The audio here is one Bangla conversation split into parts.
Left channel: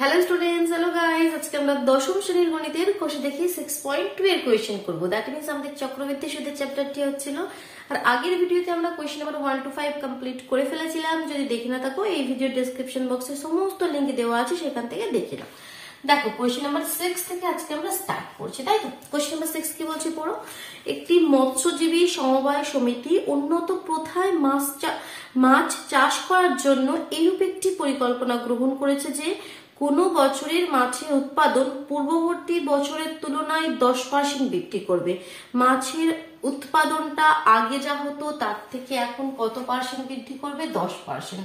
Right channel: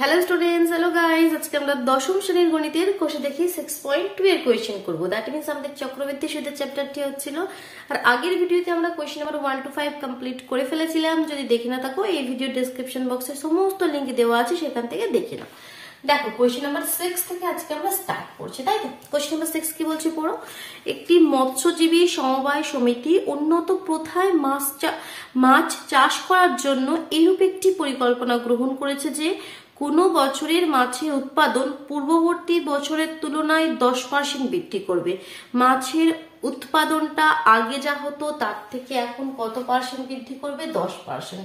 Hello students, hello guys. আজকে আমরা দশম শ্রেণীর গণিতের কোষে দেখি 6.2 এর কোয়েশ্চেন করব। দ্যাট মিন্স আমাদের চক্রবর্তী সুদের চ্যাপ্টারটি হচ্ছিল। আর আগের ভিডিওতে আমরা কোয়েশ্চেন নাম্বার 1 to 5 কমপ্লিট করে ফেলেছিলাম। যদি দেখে না থাকো, এই ভিডিও ডেসক্রিপশন বক্সে সমস্ত লিংক দেওয়া আছে, সেখান থেকে দেখে নাও। দেখো, কোয়েশ্চেন নাম্বার 6 থেকে আজকে আমরা স্টার্ট করছি, তাই তো? কোয়েশ্চেন নাম্বার 6 কি বলছে পড়ো। একটি মৎস্যজীবী সমবায় সমিতি উন্নত প্রথায় মাছ চাষ করার জন্য এইরূপ একটি পরিকল্পনা গ্রহণ করেছে যে কোন বছরের মাছের উৎপাদন পূর্ববর্তী বছরের তুলনায় 10% বৃদ্ধি করবে। মাছের উৎপাদনটা আগে যা হতো তার থেকে এখন কত পার্সেন্ট বৃদ্ধি করবে? 10%।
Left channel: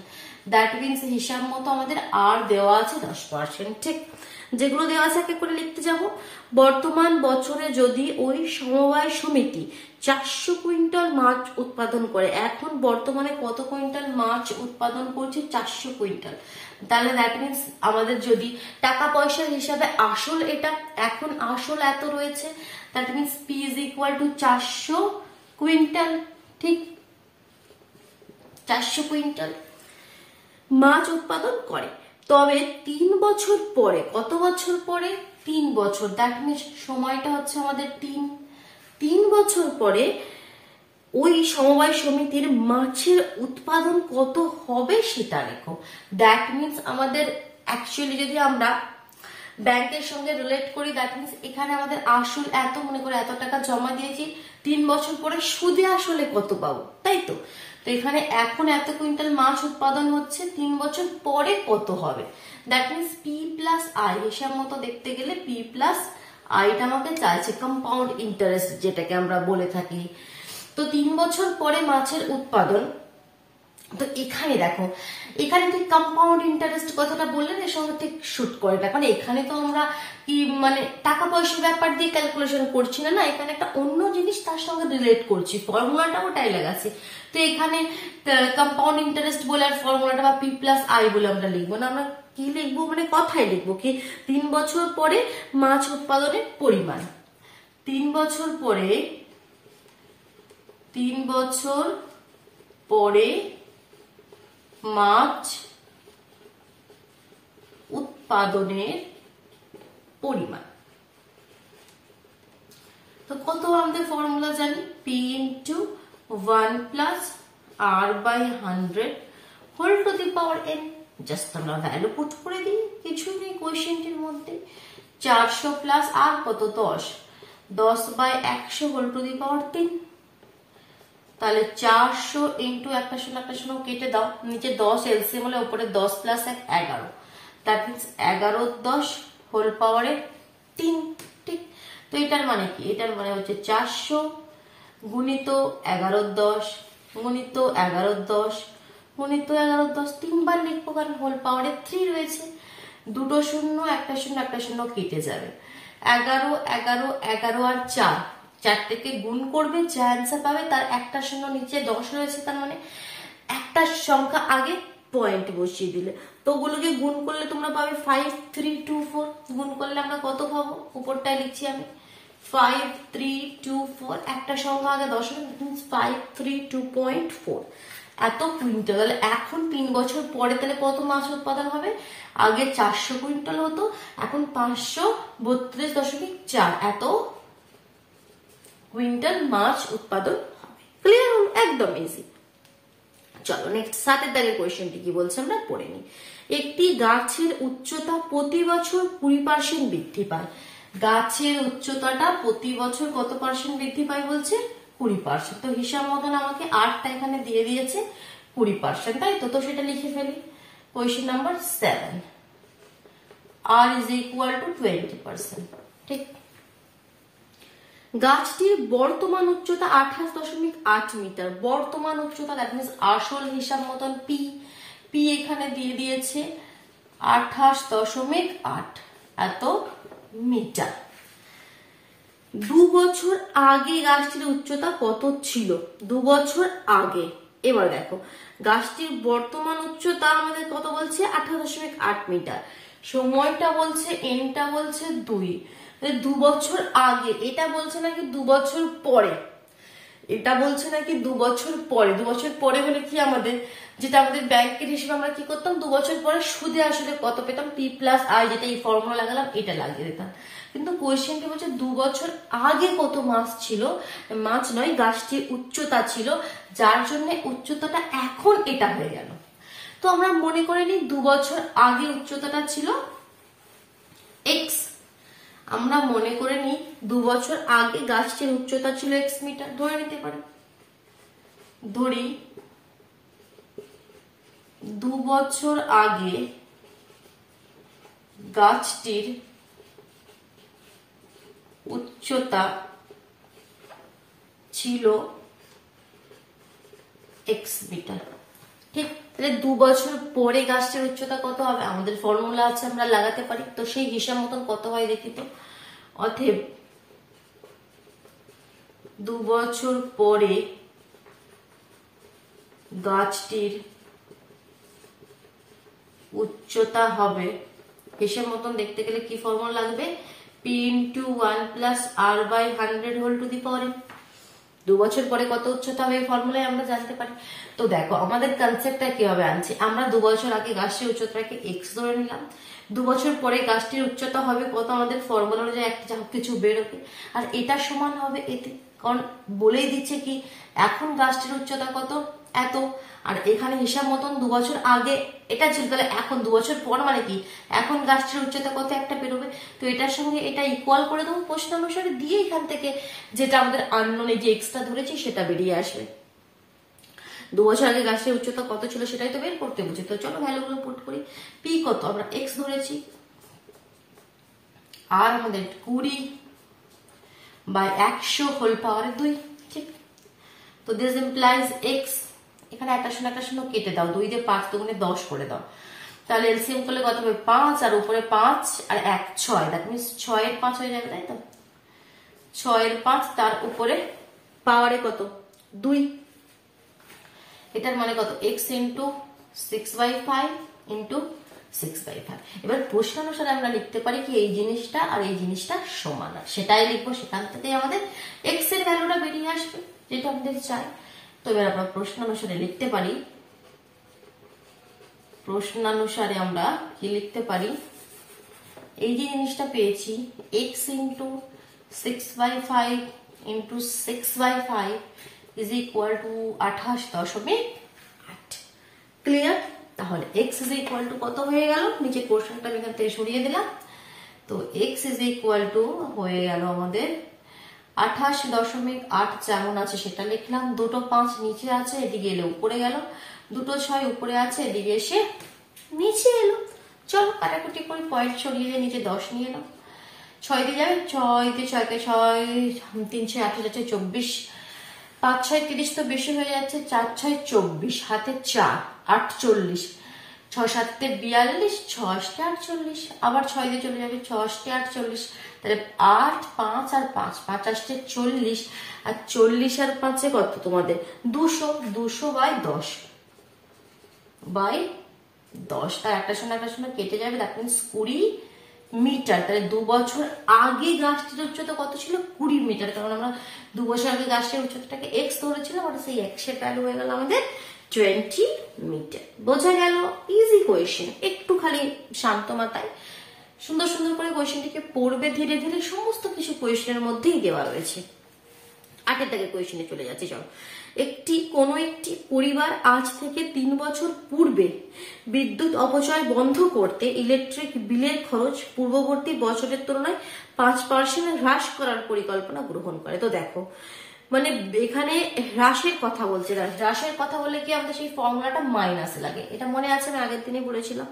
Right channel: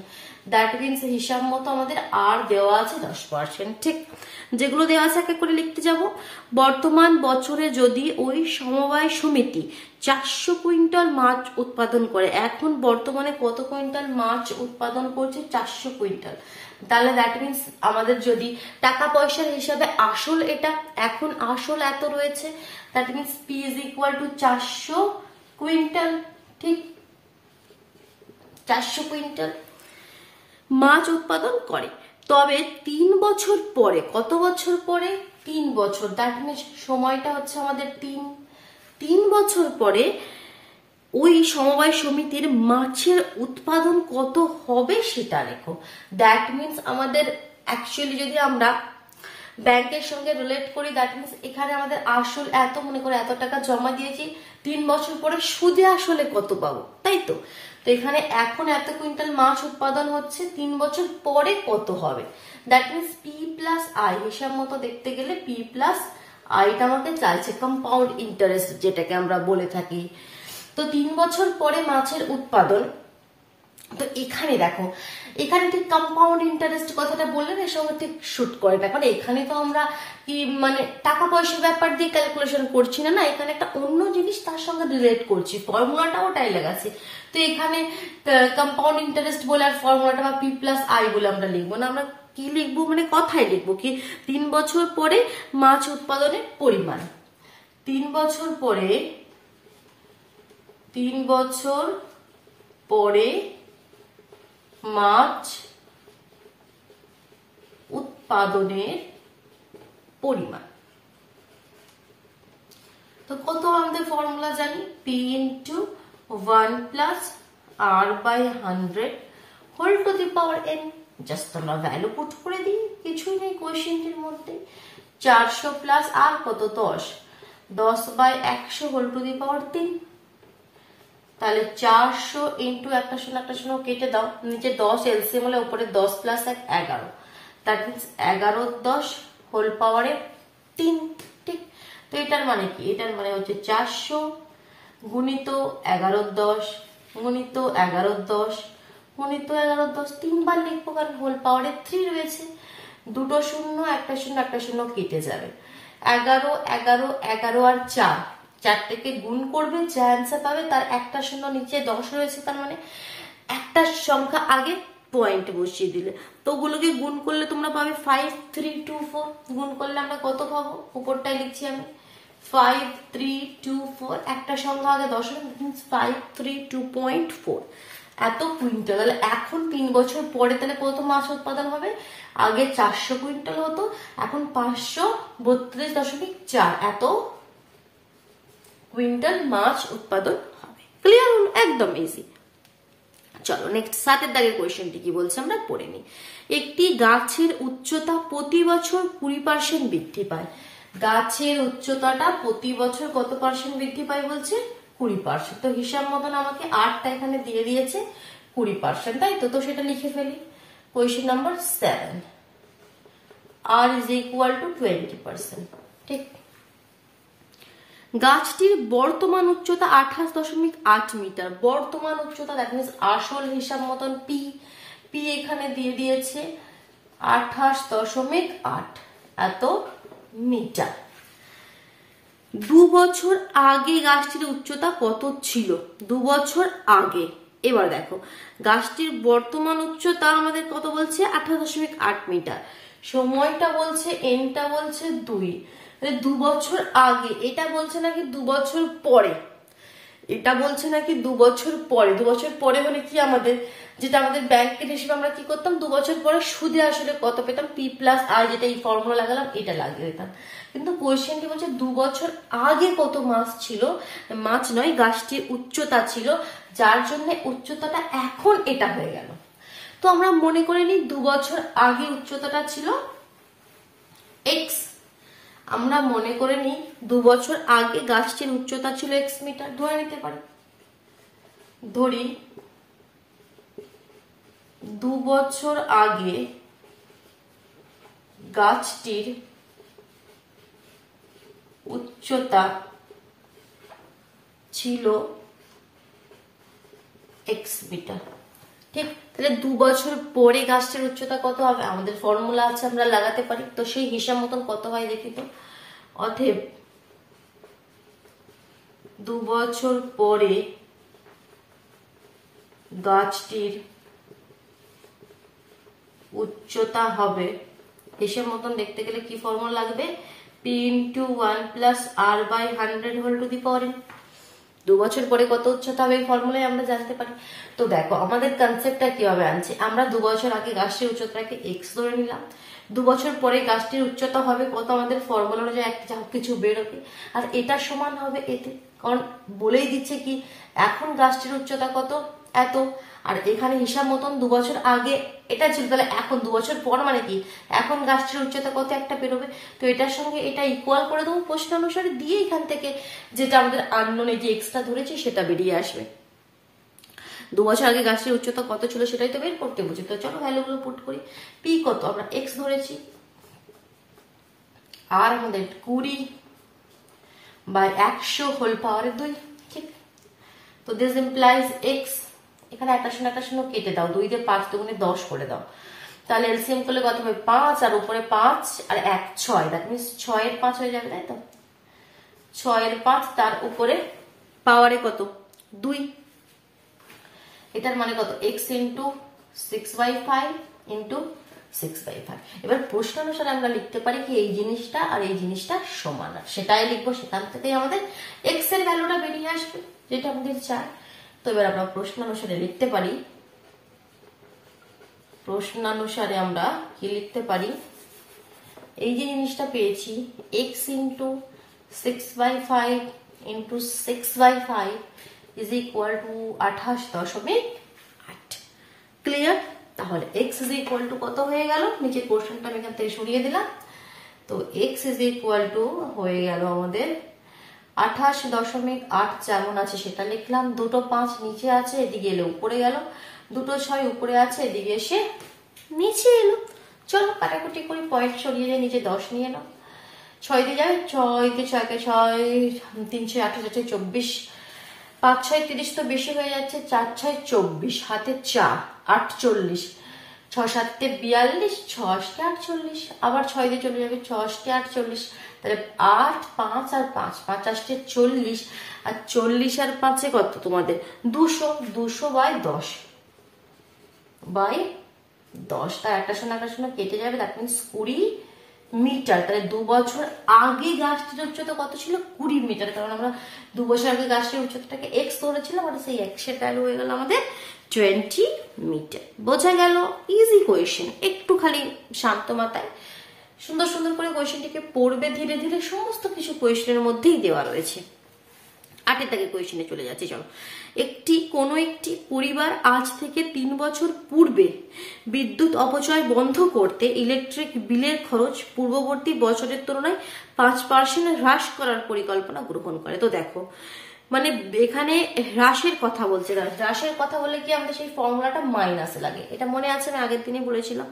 দ্যাট মিনস হিসাব মতো আমাদের আর দেওয়া আছে 10%। ঠিক, যেগুলো দেওয়া আছে এক এক করে লিখতে যাব। বর্তমান বছরে যদি ওই সমবায় সমিতি 400 কুইন্টাল মাছ উৎপাদন করে, এখন বর্তমানে কত কুইন্টাল মাছ উৎপাদন করছে? 400 কুইন্টাল। তাহলে দ্যাট মিনস আমাদের যদি টাকা পয়সার হিসাবে আসল এটা, এখন আসল এত রয়েছে, that means P is equal two 400 quintal. ঠিক, 400 কুইন্টাল মাছ উৎপাদন করে। তবে 3 বছর পরে, কত বছর পরে? 3 বছর। দ্যাট মিনস সময়টা হচ্ছে আমাদের 3 বছর পরে ওই সমবায় সমিতির মাছের উৎপাদন কত হবে সেটা লেখো। দ্যাট মিনস আমাদের অ্যাকচুয়ালি যদি আমরা ব্যাংকের সঙ্গে রিলেট করি, দ্যাট মিনস এখানে আমাদের আসল এত, মনে করে এত টাকা জমা দিয়েছি, 3 বছর পরে সুদে আসলে কত পাবো, তাই তো? তো এখানে এখন এত কুইন্টাল মাছ উৎপাদন হচ্ছে, 3 বছর পরে কত হবে? That means P plus I, হিসাব মতো দেখতে গেলে পি প্লাস আইটা আমাকে চাইছে, কম্পাউন্ড ইন্টারেস্ট যেটাকে আমরা বলে থাকি। তো 3 বছর পরে মাছের উৎপাদন। তো এখানে দেখো, এখানে ঠিক কম্পাউন্ড ইন্টারেস্ট কথাটা বললে এর সঙ্গে ঠিক শুট করে না, কারণ এখানে তো আমরা কি মানে টাকা পয়সার ব্যাপার দিয়ে ক্যালকুলেশন করছি না, এখানে একটা অন্য জিনিস তার সঙ্গে রিলেট করছি, ফর্মুলাটা ওটাই লাগাচ্ছে। তো এখানে কম্পাউন্ড ইন্টারেস্ট বলে আর ফর্মুলাটা বা পি প্লাস আই বলে আমরা লিখবো না, আমরা কি লিখবো, মানে কথায় লিখবো কি 3 বছর পরে মাছ উৎপাদনের পরিমাণ। 3 বছর পরে মাছ উৎপাদনের পরিমাণ। তো কত আমাদের ফর্মুলা জানি, P into 1 plus R by 100 whole to the power N. Just আমরা ভ্যালু পুট করে দিই, কিছুই নেই কোয়েশ্চেনটির মধ্যে। 400 প্লাস আর কত? 10 বাই 100 হোল টু দি পাওয়ার 3। তাহলে 400 ইন্টু একটা শূন্য কেটে দাও, নিচে 10 এলসিএম হলে উপরে 10 প্লাস 1 11, দ্যাট মিনস 11 10 হোল পাওয়ারে 3। ঠিক, তো এটার মানে কি? এটার মানে হচ্ছে 400 গুণিত 11 10 গুণিত 11 10 গুণিত 11 10, 3 বার লিখবো কারণ হোল পাওয়ারে 3 রয়েছে। দুটো শূন্য একটা শূন্য কেটে যাবে। 11 11 11 আর 4 থেকে গুণ করবে, যা অ্যান্সার পাবে তার একটা শূন্য নিচে 10 রয়েছে, তার মানে একটা সংখ্যা আগে পয়েন্ট বসিয়ে দিলে তো ওগুলোকে গুণ করলে তোমরা পাবে 5324। গুণ করলে আমরা কত পাবো? উপরটায় লিখছি আমি 5324, একটা সংখ্যা আগে 10 মিনস 532.4 এত কুইন্টাল। তাহলে এখন 3 বছর পরে তাহলে কত মাছ উৎপাদন হবে? আগে 400 কুইন্টাল হতো, এখন 532.4 এত কুইন্টাল মাছ উৎপাদন হবে। ক্লিয়ার? একদম ইজি। চলো নেক্সট 7 দাগের কোয়েশ্চেনটি কি বলছে আমরা পড়ে নিই। একটি গাছের উচ্চতা প্রতি বছর 20% বৃদ্ধি পায়। গাছের উচ্চতাটা প্রতি বছর কত পার্সেন্ট বৃদ্ধি পায় বলছে? 20%। তো হিসাব মতন আমাকে 8টা এখানে দিয়ে দিয়েছে 20%, তাই তো? তো সেটা লিখে ফেলি। Question number 7, R is equal to 20%। ঠিক, গাছটির বর্তমান উচ্চতা 28.8 মিটার। বর্তমান উচ্চতা দ্যাট মিনস আসল হিসাব মতন পি এখানে দিয়ে দিয়েছে 28.8 এত মিটার। 2 বছর আগে গাছটির উচ্চতা কত ছিল? 2 বছর আগে। এবার দেখো, গাছটির বর্তমান উচ্চতা আমাদের কত বলছে? 28.8 মিটার। সময়টা বলছে এনটা বলছে 2, 2 বছর আগে। এটা বলছে নাকি 2 বছর পরে? এটা বলছে নাকি 2 বছর পরে। 2 বছর পরে হলে কি আমাদের যেটা আমাদের ব্যাংকের হিসেবে আমরা কি করতাম, 2 বছর পরে সুদে আসলে কত পেতাম, P+R, যেটা এই ফর্মুলা লাগালাম এটা লাগিয়ে দিতাম। কিন্তু কোয়েশ্চেনটি বলছে 2 বছর আগে কত মাছ ছিল, মাছ নয় গাছটির উচ্চতা ছিল, যার জন্য উচ্চতাটা এখন এটা হয়ে গেল। তো আমরা মনে করে নিই 2 বছর আগে উচ্চতাটা ছিল x। আমরা মনে করে নিই 2 বছর আগে গাছটির উচ্চতা ছিল x মিটার, ধরে নিতে পারি। ধরি 2 বছর আগে গাছটির উচ্চতা ছিল x মিটার। ঠিক, তাহলে 2 বছর পরে গাছটির উচ্চতা কত হবে, আমাদের ফর্মুলা আছে, আমরা লাগাতে পারি। তো সেই হিসাব মতন কত হয় দেখি তো। অতএব 2 বছর পরে গাছটির উচ্চতা হবে, হিসেব মতন দেখতে গেলে কি ফর্মুলা লাগবে, P × 1 + R/100 n। 2 বছর পরে কত উচ্চতা হবে এই ফর্মুলায় আমরা জানতে পারি। তো দেখো আমাদের কনসেপ্টটা কিভাবে আনছি, আমরা 2 বছর আগে গাছটির উচ্চতাকে x ধরে নিলাম, 2 বছর পরে গাছটির উচ্চতা হবে কত, আমাদের ফর্মুলা অনুযায়ী একটা কিছু বেরোবে, আর এটা সমান হবে এতে, কারণ বলেই দিচ্ছে কি এখন গাছটির উচ্চতা কত, এত, আর এখানে হিসাব মতন 2 বছর আগে এটা ছিল, তাহলে এখন 2 বছর পর মানে কি এখন গাছটির উচ্চতা কত একটা বেরোবে। তো এটার সঙ্গে এটা ইকুয়াল করে দেবো প্রশ্ন অনুসারে, দিয়ে এখান থেকে যেটা আমাদের আননোনে যে এক্সট্রা ধরেছি সেটা বেরিয়ে আসবে। 2 বছর আগে গাছটির উচ্চতা কত ছিল সেটাই তো বের করতে বুঝি। তো চলো ভ্যালুগুলো পুট করি। পি কত, আমরা এক্স ধরেছি, আর আমাদের 20/100^2। ঠিক, তো দিস ইমপ্লাইজ এক্স, এখানে 1 কেটে দাও, 2 দিয়ে 5 দুগুণে 10 করে দাও, তাহলে এলসিএম করলে কত হবে 5, আর উপরে 5 আর 1 6, দ্যাট মিনস 6 এর 5 হয়ে যাবে, তাই তো 6 এর 5, তার উপরে পাওয়ারে কত 2, এটার মানে কত x × 6/5 × 6/5। এবার প্রশ্ন অনুসারে আমরা লিখতে পারি কি এই জিনিসটা আর এই জিনিসটা সমান, সেটাই লিখবো, সেখান থেকে আমাদের x এর ভ্যালুটা বেরিয়ে আসবে যেটা আমাদের চাই। তো এবার আমরা প্রশ্ন অনুসারে লিখতে পারি, প্রশ্নানুসারে আমরা কি লিখতে পারি, এই যে জিনিসটা পেয়েছি x × 6/5 × 6/5 is equal to 28.8। Clear? তাহলে x is equal to কত হয়ে গেল, নিচে কোশ্চেনটা আমি এখান থেকে সরিয়ে দিলাম। তো x is equal to হয়ে গেল আমাদের 28.8, যেমন আছে সেটা লিখলাম, দুটো 5 নিচে আছে, এদিকে এলে উপরে গেল, দুটো 6 উপরে আছে, এদিকে এসে নিচে এলো। চলো কাটাকুটি করে পয়েন্ট সরিয়ে নিচে 10 নিয়ে নাও, 6 দিয়ে যাবে, 6 দিয়ে 6 কে 6, 3 6 8 24, 5 6 30 তো বেশি হয়ে যাচ্ছে, 4 6 24, হাতে 4 48, 6 7 42, 6 48, আবার 6 দিয়ে চলে যাবে, 6 48, তাহলে 8 5 আর 5 5 8 40, আর 40 আর 5 কত তোমাদের 200, 200/10 তার 1 কেটে যাবে, দ্যাট মিনস 20 মিটার। তাহলে 2 বছর আগে গাছটির উচ্চতা কত ছিল 20 মিটার, কারণ আমরা 2 বছর আগে গাছটির উচ্চতাটাকে x ধরেছিলাম, আর সেই x এর ভ্যালু হয়ে গেল আমাদের 20 মিটার। বোঝা গেল? ইজি কোয়েশ্চেন, একটু খালি শান্ত মাথায় সুন্দর সুন্দর করে কোয়েশ্চেনটিকে পড়বে ধীরে ধীরে, সমস্ত কিছু কোয়েশ্চেনের মধ্যেই দেওয়া রয়েছে। 8 দাগে কোয়েশ্চেনে চলে যাচ্ছি। চলো, কোন একটি পরিবার আজ থেকে 3 বছর পূর্বে বিদ্যুৎ অপচয় বন্ধ করতে ইলেকট্রিক বিলের খরচ পূর্ববর্তী বছরের তুলনায় 5% হ্রাস করার পরিকল্পনা গ্রহণ করে। তো দেখো মানে এখানে হ্রাসের কথা বলছে, হ্রাসের কথা বলে কি আমাদের সেই ফর্মুলাটা মাইনাসে লাগে, এটা মনে আছে আমি আগের দিনে বলেছিলাম।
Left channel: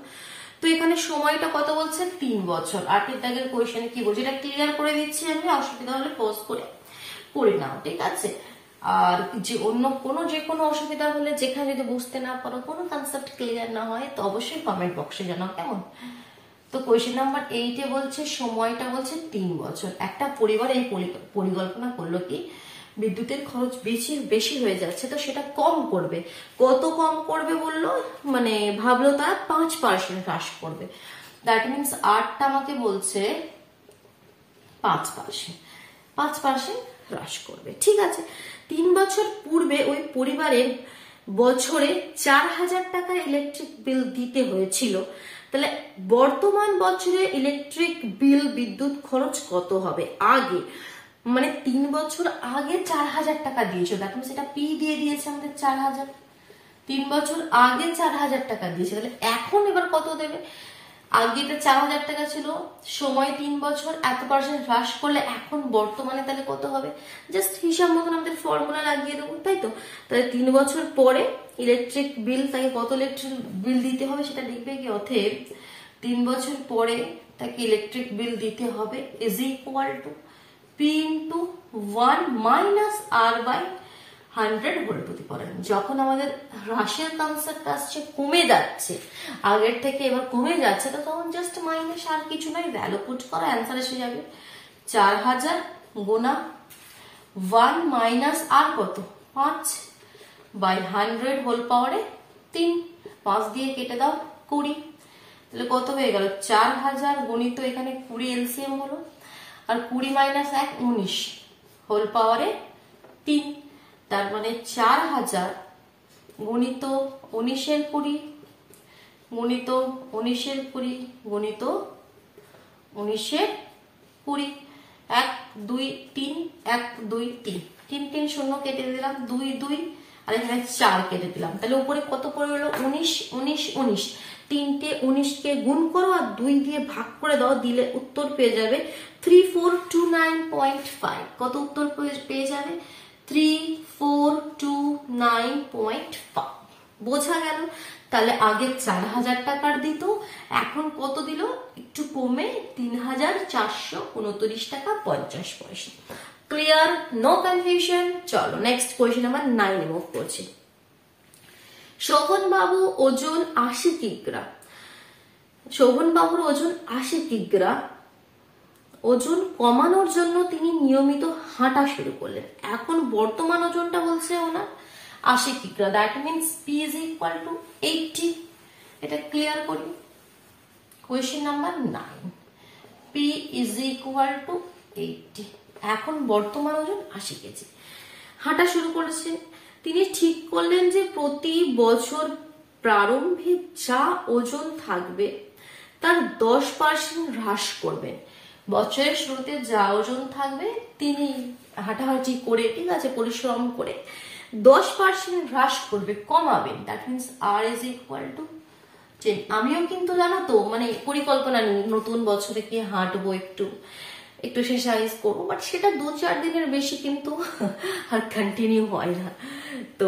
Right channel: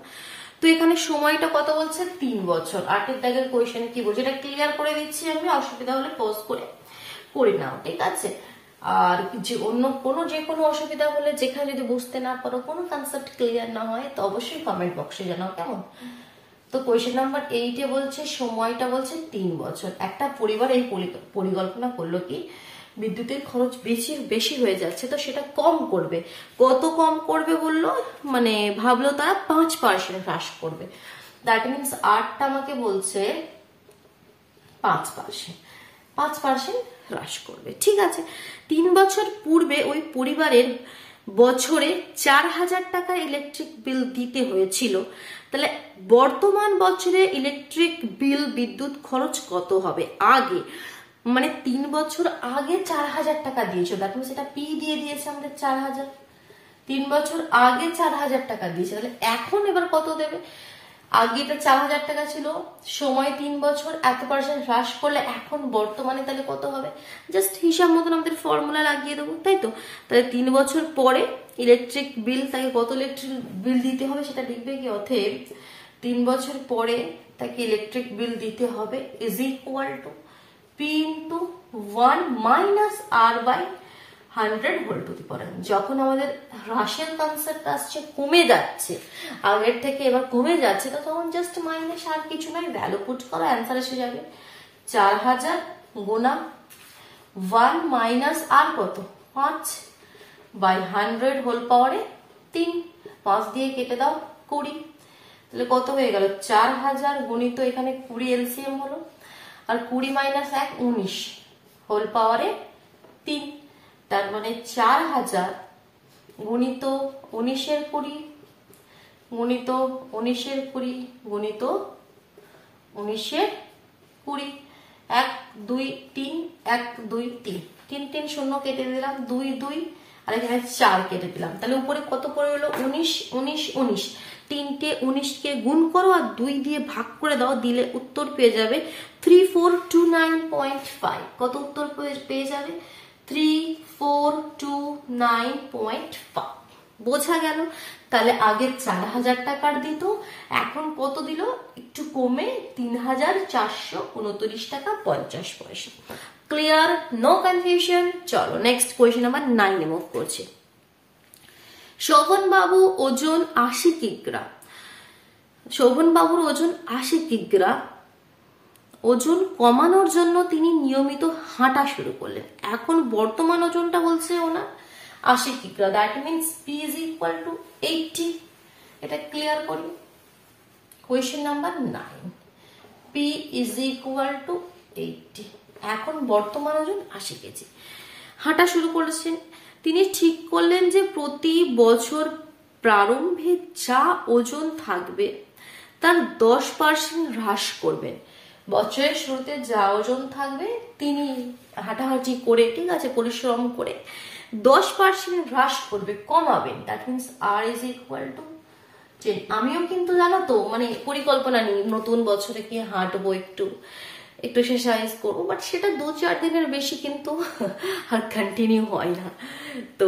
তো এখানে সময়টা কত বলছে 3 বছর। 8 দাগের কোয়েশ্চেনে কি বলছে এটা ক্লিয়ার করে দিচ্ছি আমি, অসুবিধা হলে পজ করে নাও, ঠিক আছে। আর যে অন্য যে কোনো অসুবিধা হলে, যেখানে যদি বুঝতে না পারো, কোনো কনসেপ্ট ক্লিয়ার না হয়, তো অবশ্যই কমেন্ট বক্সে জানাও, কেমন। তো কোয়েশ্চেন নাম্বার 8 বলছে সময়টা বলছে 3 বছর। একটা পরিবার এই পরিকল্পনা করলো কি বিদ্যুতের খরচ বেশি হয়ে যাচ্ছে, তো সেটা কম করবে। কত কম করবে বললো, মানে ভাবলো তারা 5% হ্রাস করবে। দ্যাট মিনস 8টা আমাকে বলছে 5% হ্রাস করবে। ঠিক আছে, 3 বছর পূর্বে ওই পরিবারের বছরে 4000 টাকা ইলেকট্রিক বিল দিতে হয়েছিল, তাহলে বর্তমান বছরে ইলেকট্রিক বিল বিদ্যুৎ খরচ কত হবে? আগে মানে 3 বছর আগে 4000 টাকা দিয়েছিল, দেখুন সেটা পি দিয়ে দিয়েছে আমাদের 4000, 3 বছর আগে 4000 টাকা দিয়েছে, তাহলে এখন এবার কত দেবে? আগে এটা 4000 টাকা ছিল, সময় 3 বছর, এত % হ্রাস করলে এখন বর্তমানে তাহলে কত হবে? জাস্ট হিসাব মতন আমাদের ফর্মুলা লাগিয়ে দেবো, তাই তো? তাহলে 3 বছর পরে ইলেকট্রিক বিল, তাকে কত ইলেকট্রিক বিল দিতে হবে সেটা লিখবে কি? অতএব 3 বছর পরে তাকে ইলেকট্রিক বিল দিতে হবে is equal to P into 1 minus R by 100 whole to the power n। যখন আমাদের হ্রাসের কনসেপ্ট আসছে, কমে যাচ্ছে আগের থেকে, এবার কমে যাচ্ছে, তখন জাস্ট মাইনাস, আর কিছু নয়, ভ্যালু পুট করা, অ্যান্সার এসে যাবে 4000 গুণা 1 মাইনাস আর কত 5 বাই 100 হোল পাওয়ারে 3, 5 দিয়ে কেটে দাও 20, তাহলে কত হয়ে গেল? 4000 গুণিত এখানে 20 এলসিএম হলো, আর 20 মাইনাস 1 19 হোল পাওয়ারে 3, তার মানে 4000 গুণিত 19 এর 20 গুণিত 19 এর 20 গুণিত 19 এর 20, 1 2 3 1 2 3 3 3 শূন্য কেটে দিলাম, 2 2 আর এখানে 4 কেটে দিলাম, তাহলে উপরে কত পড়ে হলো? 19 19 19, 3টে 19 কে গুণ করো আর 2 দিয়ে ভাগ করে দাও, দিলে উত্তর পেয়ে যাবে 3429.5। কত উত্তর পেয়ে যাবে? 3429.5। বোঝা গেল? তাহলে আগে 4000 টাকার দিত, এখন কত দিল? একটু কমে 3429 টাকা 50 পয়সা। ক্লিয়ার? No confusion? চলো নেক্সট কোয়েশ্চেন নাম্বার 9 মুভ করছি। শোভন বাবু ওজন 80 কিগ্রা। শোভন বাবুর ওজন 80 কিগ্রা। ওজন কমানোর জন্য তিনি নিয়মিত হাঁটা শুরু করলেন। এখন বর্তমান ওজনটা বলছে ওনার 80 কিগ্রা, that means P is equal to 80। এটা ক্লিয়ার করি। Question number 9, P is equal to 80। এখন বর্তমান ওজন 80 কেজি, হাঁটা শুরু করেছেন। তিনি ঠিক করলেন যে প্রতি বছর প্রারম্ভে যা ওজন থাকবে তার 10% হ্রাস করবেন। বছরের শুরুতে যা ওজন থাকবে তিনি হাঁটাহাঁটি করে, ঠিক আছে, পরিশ্রম করে 10% হ্রাস করবে, কমাবেন। That means R is equal to 10। আমিও কিন্তু জানো তো মানে পরিকল্পনা নিই নতুন বছরে কি হাঁটবো, একটু এক্সারসাইজ করবো, বাট সেটা 2-4 দিনের বেশি কিন্তু আর কন্টিনিউ হয় না। তো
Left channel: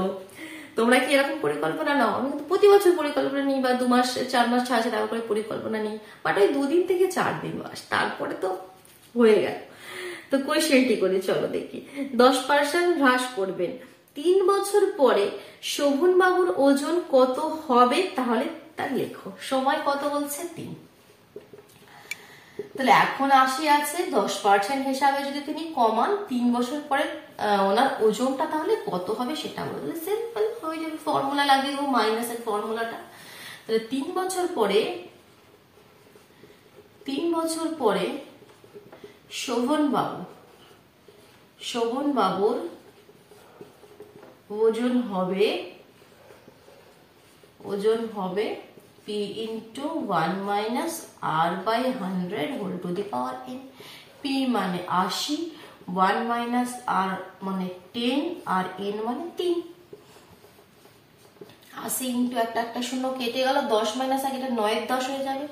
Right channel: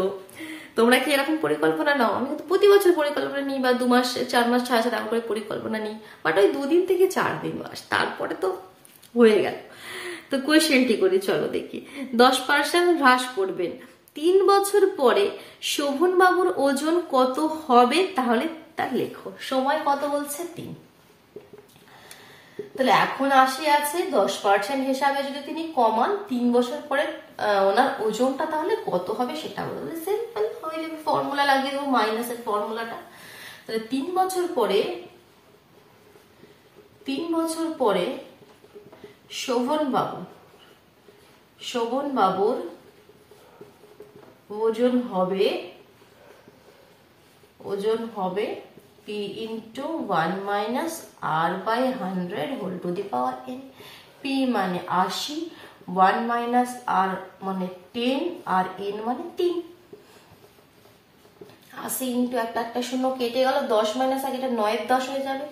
তোমরা কি এরকম পরিকল্পনা নাও? আমি কিন্তু প্রতি বছর পরিকল্পনা নিই, বা 2 মাস 4 মাস ছাড়া তারপরে পরিকল্পনা নিই, বাট ওই 2 দিন থেকে 4 দিন বাস, তারপরে তো হয়ে গেল। তো কোয়েশ্চেনটি করি, চলো দেখি। 10% হ্রাস করবেন, 3 বছর পরে শোভন বাবুর ওজন কত হবে? তাহলে তার লেখো। সময় কত বলছে? 3। তাহলে এখন 80 আছে, 10% হিসাবে যদি তিনি কমান, 3 বছর পরে ওনার ওজনটা তাহলে কত হবে সেটা বলবে। সিম্পল হয়ে যাবে, ফর্মুলা লাগিয়ে দেবো, মাইনাসের ফর্মুলাটা। তাহলে 3 বছর পরে শোভন বাবুর ওজন হবে P into 1 minus R by 100 whole to the power n। P মানে 80, 1 minus R মানে 10, আর n মানে 3। 80 ইন্টু একটা শূন্য কেটে গেল, 10 মাইনাস আর এটা 9 10 হয়ে যাবে,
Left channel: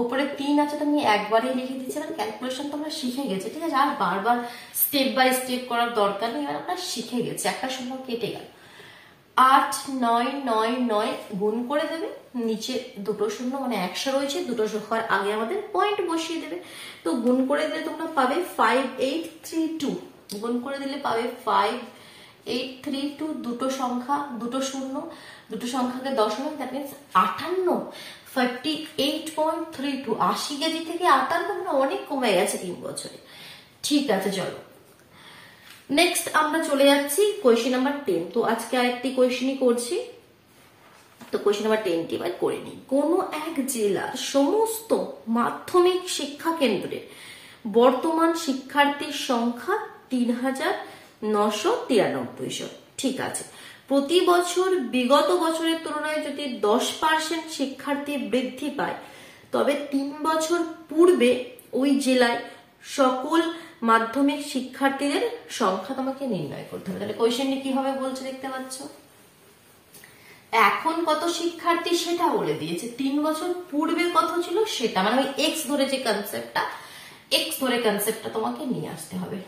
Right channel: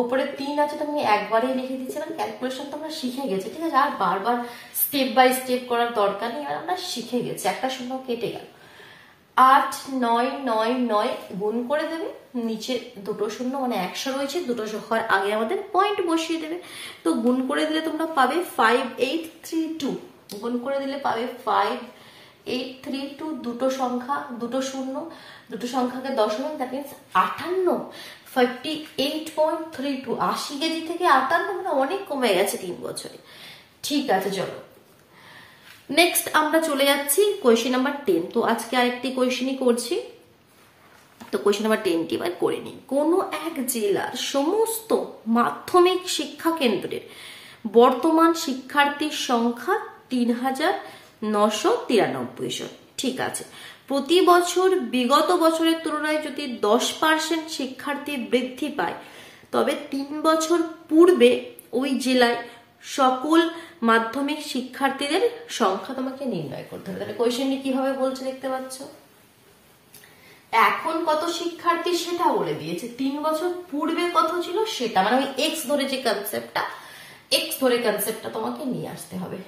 উপরে 3 আছে, তো আমি একবারেই লিখে দিচ্ছি। মানে ক্যালকুলেশন তো আমরা শিখে গেছি, ঠিক আছে, আর বারবার স্টেপ বাই স্টেপ করার দরকার নেই, আর আমরা শিখে গেছি। একটা শূন্য কেটে গেল, 8 9 9 9 গুণ করে দেবে, নিচে দুটো শূন্য মানে 100 রয়েছে, দুটো সংখ্যার আগে আমাদের পয়েন্ট বসিয়ে দেবে। তো গুণ করে দিলে তোমরা পাবে 5832, গুণ করে দিলে পাবে 5832, দুটো সংখ্যা দুটো শূন্য, দুটো সংখ্যাকে দশমিক, দ্যাট মিনস 58, 58.32। 80 কেজি থেকে 58 মানে অনেক কমে গেছে 3 বছরে। ঠিক আছে, চলো নেক্সট আমরা চলে যাচ্ছি কোয়েশ্চেন নাম্বার 10। তো আজকে আরেকটি কোয়েশ্চেনই করছি, তো কোয়েশ্চেন নাম্বার 10টি এবার করে নিই। কোনো এক জেলার সমস্ত মাধ্যমিক শিক্ষা কেন্দ্রের বর্তমান শিক্ষার্থীর সংখ্যা 3,993। ঠিক আছে, প্রতি বছর বিগত বছরের তুলনায় যদি 10% শিক্ষার্থী বৃদ্ধি পায়, তবে 3 বছর পূর্বে ওই জেলায় সকল মাধ্যমিক শিক্ষার্থীদের সংখ্যা তোমাকে নির্ণয় করতে হবে। তাহলে কোয়েশ্চেনটি কিভাবে বলছে দেখতে পাচ্ছ, এখন কত শিক্ষার্থী সেটা বলে দিয়েছে, 3 বছর পূর্বে কত ছিল সেটা, মানে ওই এক্স ধরে যে কনসেপ্টটা, এক্স ধরে কনসেপ্টটা তোমাকে নিয়ে আসতে হবে।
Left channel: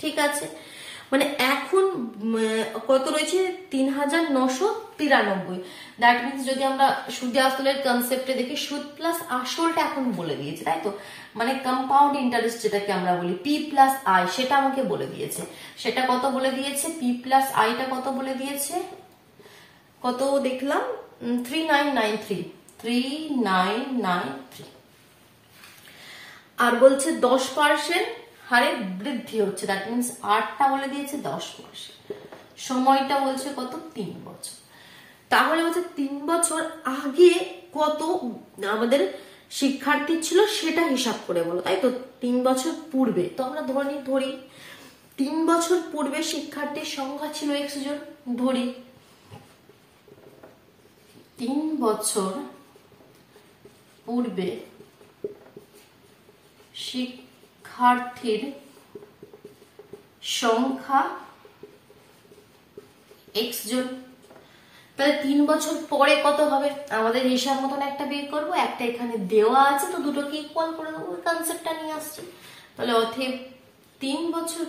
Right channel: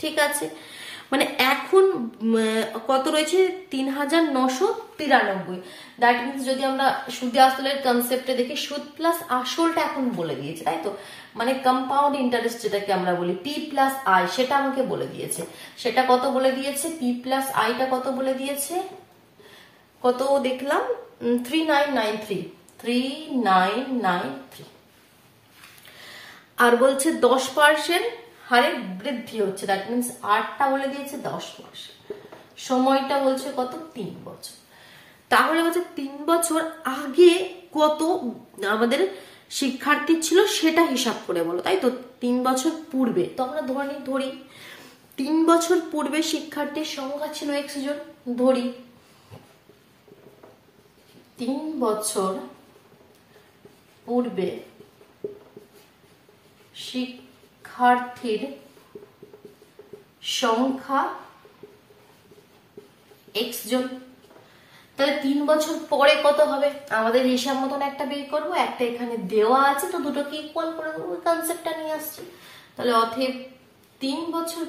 ঠিক আছে, মানে এখন কত রয়েছে 3,993। দ্যাট মিনস যদি আমরা সুদ আসলের কনসেপ্টে দেখি, সুদ প্লাস আসলটা এখন বলে দিয়েছে, তাই তো, মানে কম্পাউন্ড ইন্টারেস্ট যেটাকে আমরা বলি পি প্লাস আই, সেটা আমাকে বলে দিয়েছে। সেটা কত বলে দিয়েছে, পি প্লাস আইটা কত বলে দিয়েছে, কত দেখলাম 3993। আর বলছে 10% হারে বৃদ্ধি হচ্ছে, দ্যাট মিনস 8টা বলে দিয়েছে 10%। সময়টা বলছে কত, 3 বছর। তাহলে বলছে 3 বছর আগে কত আমাদের শিক্ষার্থী ছিল সেটা হিসাব করে বলো, তাই তো। 3 বছর পূর্বে তো আমরা ধরি 3 বছর পূর্বে শিক্ষার্থীর সংখ্যা ছিল x জন, ধরি 3 বছর পূর্বে শিক্ষার্থীর সংখ্যা x জন। তাহলে 3 বছর পরে কত হবে, আমাদের হিসাব মতন একটা বের করবো, একটা এখানে দেওয়া আছে, তো দুটোকে ইকুয়াল করে দেবো, কনসেপ্টটা নিয়ে আসছি। তাহলে অতএব 3 বছর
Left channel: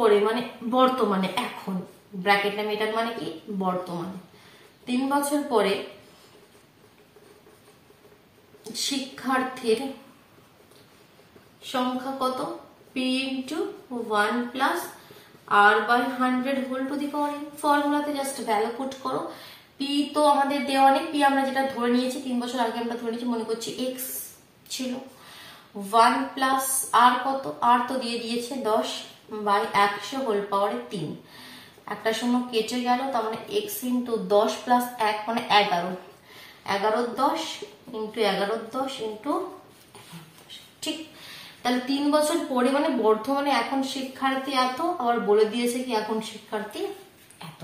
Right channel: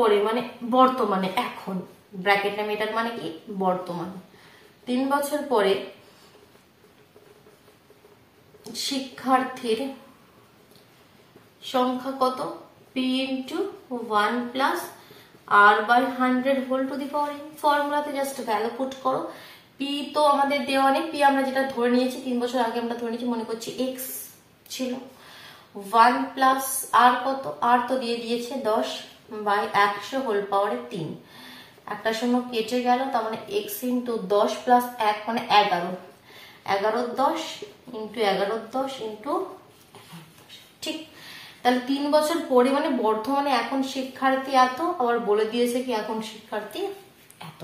পরে মানে বর্তমানে, এখন ব্র্যাকেট নামে, এটার মানে কি বর্তমানে, 3 বছর পরে শিক্ষার্থীর সংখ্যা কত, P into 1 plus R by 100 whole to the power n। ফর্মুলাতে জাস্ট ভ্যালু পুট করো। পি তো আমাদের দেওয়া নেই, পি আমরা যেটা ধরে নিয়েছি 3 বছর আগে আমরা ধরে নিয়েছি, মনে করছি এক্স ছিল, 1 প্লাস আর কত, আর তো দিয়ে দিয়েছে 10 বাই 100 হোল পাওয়ারে 3। একটা সময় কেটে গেল, তার মানে এক্স ইন্টু 10 প্লাস 1 মানে 11, 11×10 ইন্টু 11×10 ইন্টু, ঠিক। তাহলে 3 বছর পরে মানে বর্তমানে এখন শিক্ষার্থী এত, আবার বলে দিয়েছে কি এখন শিক্ষার্থী এত।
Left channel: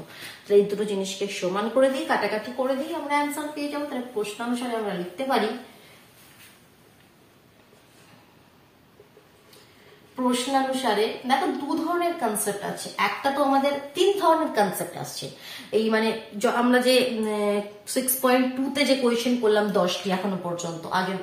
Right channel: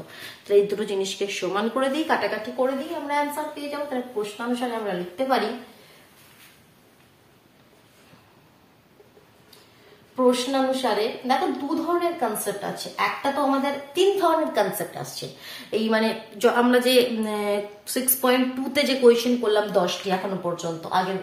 এই দুটো জিনিসকে সমান করে দিই, কাটাকাটি করে দিই, আমরা অ্যান্সার পেয়ে যাবো। তাহলে প্রশ্নানুসারে আমরা লিখতে পারি, প্রশ্নানুসারে দেখো 2 ধরনের কনসেপ্ট আছে, একটা তো আমাদের 3 ধরনের কনসেপ্ট আসছে। এই মানে আমরা যে 6.2 তে যে কোয়েশ্চেন করলাম 10টি এখনো পর্যন্ত, আগের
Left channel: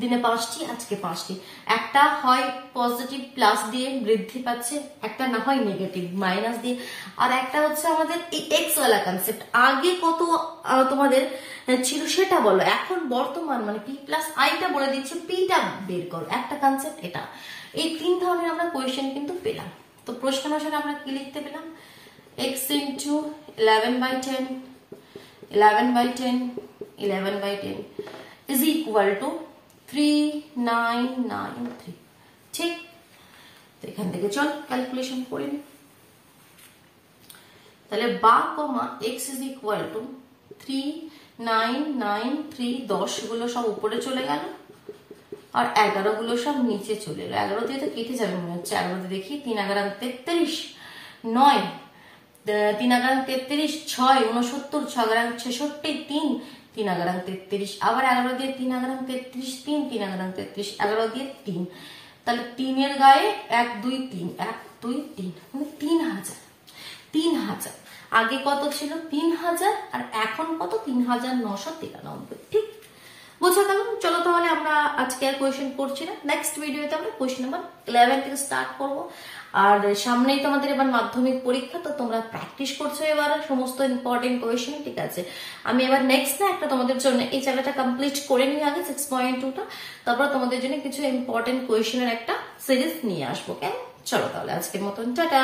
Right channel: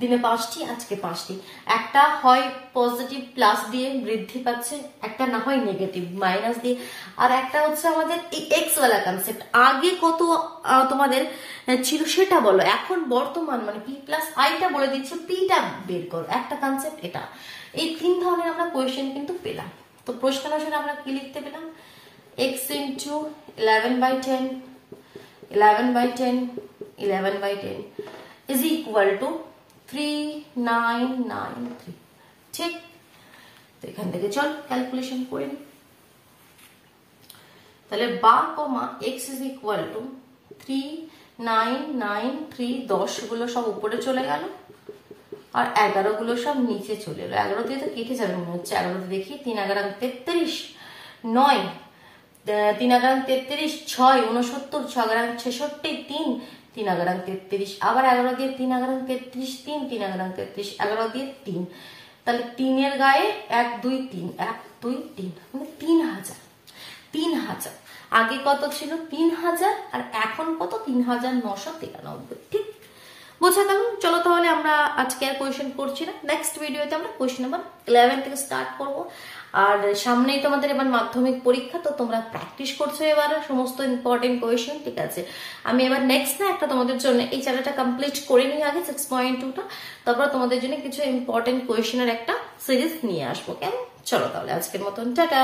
দিনে 5টি, আজকে 5টি। একটা হয় পজিটিভ প্লাস দিয়ে বৃদ্ধি পাচ্ছে, একটা না হয় নেগেটিভ মাইনাস দিয়ে, আর একটা হচ্ছে আমাদের এই এক্স ওয়ালা কনসেপ্ট, আগে কত তোমাদের ছিল সেটা বলো, এখন বর্তমান মানে পি প্লাস আইটা বলে দিচ্ছে, পিটা বের করো, একটা কনসেপ্ট এটা। এই 3 ধরনের আমরা কোয়েশ্চেন কিন্তু পেলাম। তো প্রশ্ন অনুসারে আমরা কি লিখতে পেলাম, x into 11/10 is equal two 3993। ঠিক, তো এখান থেকে চল ক্যালকুলেশন করে নি। তাহলে বা কমা x ইজ ইকুয়াল টু 3993, 10 গুলো সব উপরে চলে গেল আর 11 গুলো সব নিচে চলে এলো। 11 দিয়ে তো কেটে যাবে মনে হচ্ছে, 11 দিয়ে দেখি 3×11=33, 9, 3×33 6, 69, 6×66 3, 3×33, আবার 11 দিয়ে 3×33 3, 3×33 11 দিয়ে 3, তাহলে 3 এর গায়ে 1 2 3, 1 2 3 মানে 3000। আগে কত ছিল 3000 আর এখন কত 3993। ঠিক, বুঝে গেল। চলো তাহলে আমরা আজকে আর কোয়েশ্চেন করছি না, নেক্সট ভিডিওতে আমরা কোয়েশ্চেন নাম্বার 11 থেকে স্টার্ট করব। আর সামনেই তোমাদের এবার মাধ্যমিক পরীক্ষা, তো তোমরা প্র্যাকটিস করছো এবার সমস্ত ইম্পর্টেন্ট কোয়েশ্চেন। ঠিক আছে, আমি এবার নেক্সট একটা তোমাদের জন্য এই চ্যাপ্টারটা কমপ্লিট করে নিয়ে আগে 6.2টা, তারপর তোমাদের জন্য কিছু ইম্পর্টেন্ট কোয়েশ্চেনের একটা সিরিজ নিয়ে আসবো। কেন, চলো তাহলে আজকের মতন টাটা।